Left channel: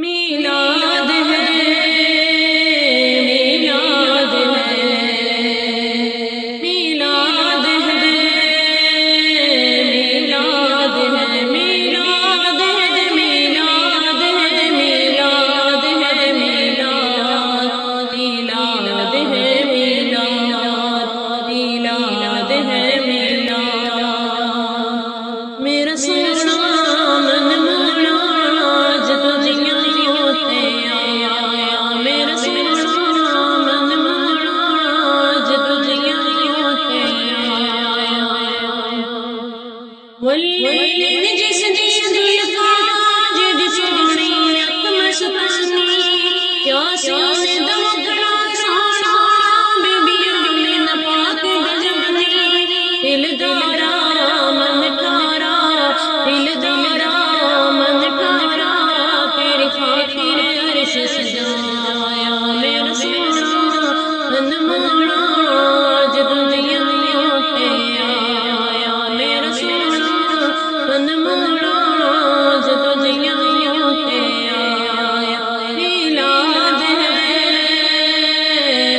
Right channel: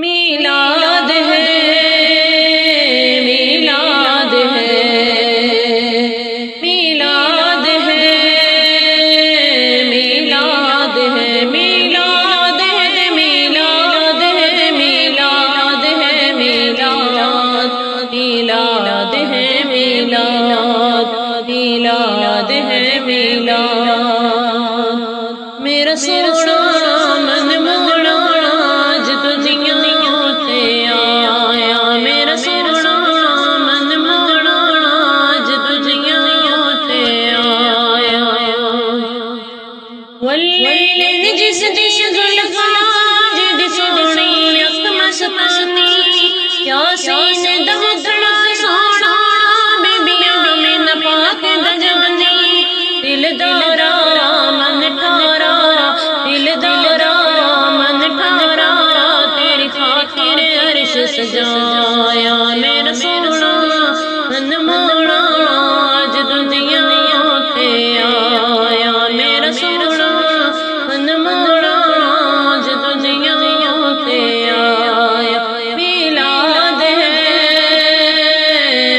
میلاد ہے میلاد ہے میلاد ہے میلاد ہے میلاد ہے میلاد ہے میلاد ہے میلاد میلاد ہے میلاد میلاد ہے میلاد میرا سونا من موڑا جب دنیا تے آیا میرا سونا من موڑا جب دنیا تے آیا واللیل جس دی زلفاں جدی سونی اک مستانی یاسین دمکڑا سونا بیبیاں میں نپاک دجانی دل دارا من ٹھارا دل دارا من ٹھارا تیری خاطر عرش سجایا میرا سونا من موڑا جب دنیا تے آیا میرا سونا من موڑا جب دنیا تے آیا میلاد ہے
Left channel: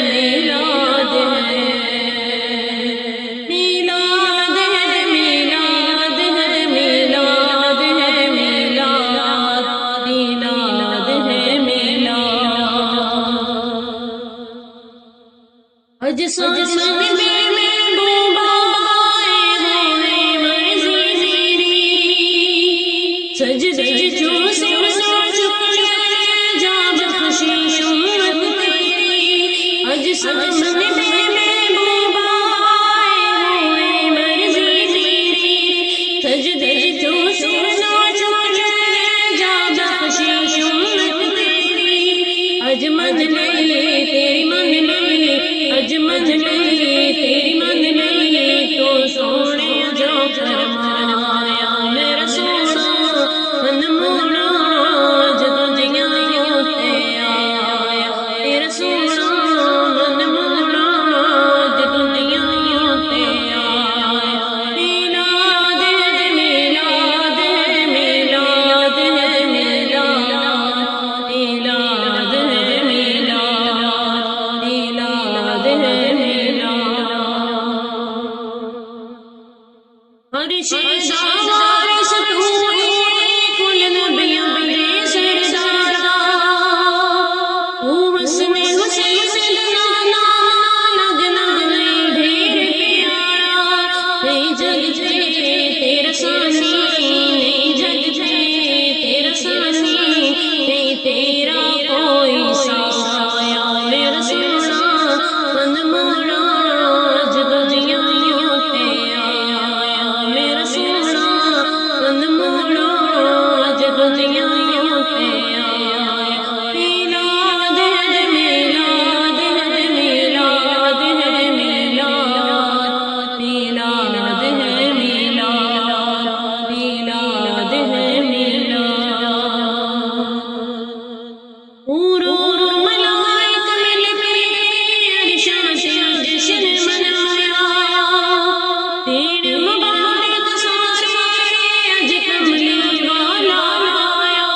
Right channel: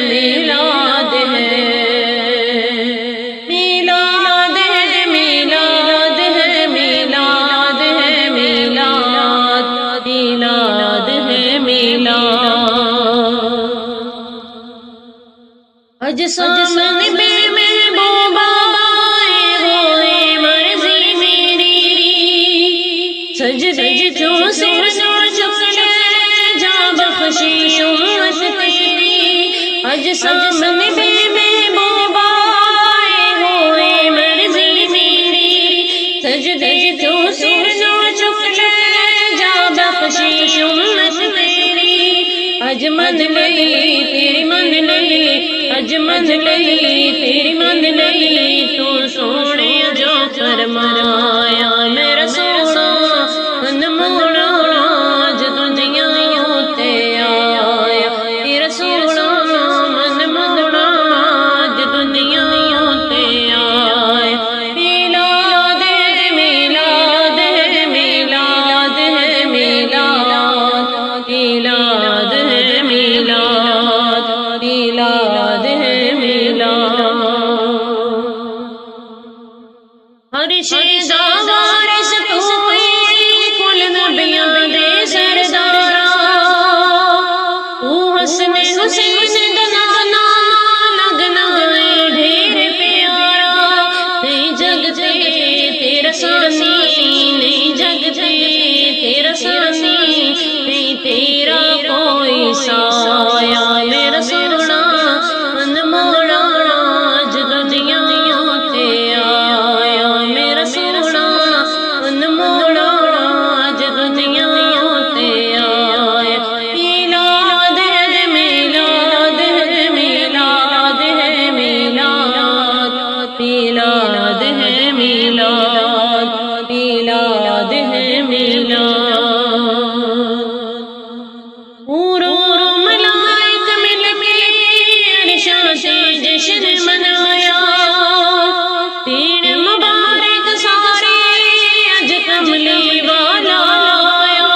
میلاد ہے میلاد ہے میلاد ہے میلاد ہے میلاد میلاد ہے میلاد اج سامنے میں بابا ہوئے مرضی میری سجدے جو سر چکے جا بخشش امت تیری اج سامنے میں بابا ہوئے مرضی میری سجدے جو سر چکے جا بخشش امت تیری اج من لئی تیری من لئی اج من لئی تیری من لئی تو سونے جو فرمایا میرا سونا من موڑا جب دنیا تے آیا میرا سونا من موڑا جب دنیا تے آیا میلاد ہے میلاد ہے میلاد ہے میلاد میلاد ہے میلاد میلاد ہے میلاد ہر شیدار ستوئی کل نبیاں دے سردارا تو حسن حسین دلانا لگنا ہے ڈھیر پیارا نہیں جگ تے تیرا سانی نہیں جگ تے تیرا سانی نہیں تیرا کوئی سایہ میرا سونا من موڑا جب دنیا تے آیا میرا سونا من موڑا جب دنیا تے آیا میلاد ہے میلاد ہے میلاد ہے میلاد میلاد ہے میلاد میلاد ہے میلاد ملائک مل کے عرشاں سے جشن منایا تین مبارک سارے اج کملی والا لایا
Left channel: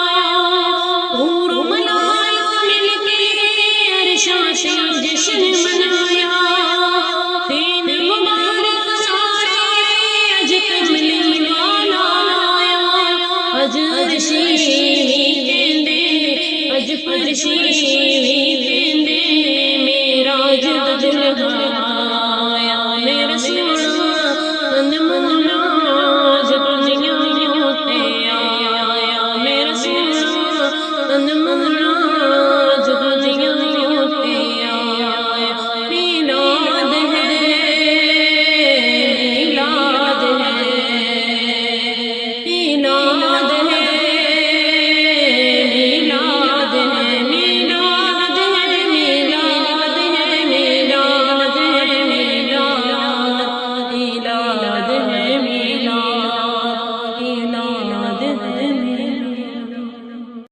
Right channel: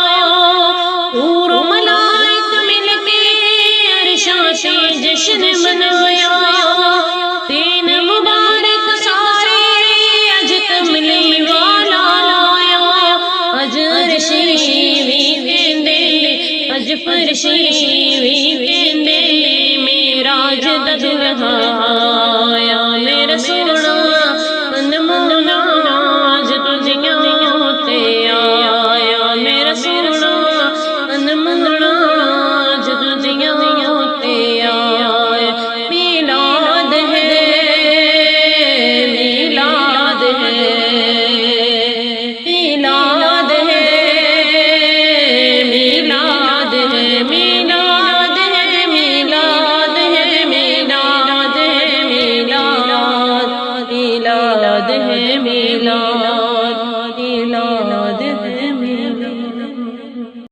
ملائک مل کے عرشاں سے جشن منایا تین مبارک سارے اج کملی والا لایا اج عرشی وی کہندے اج فرشی وی کہندے معراج دا دلہا آیا میرا سونا من موڑا جب دنیا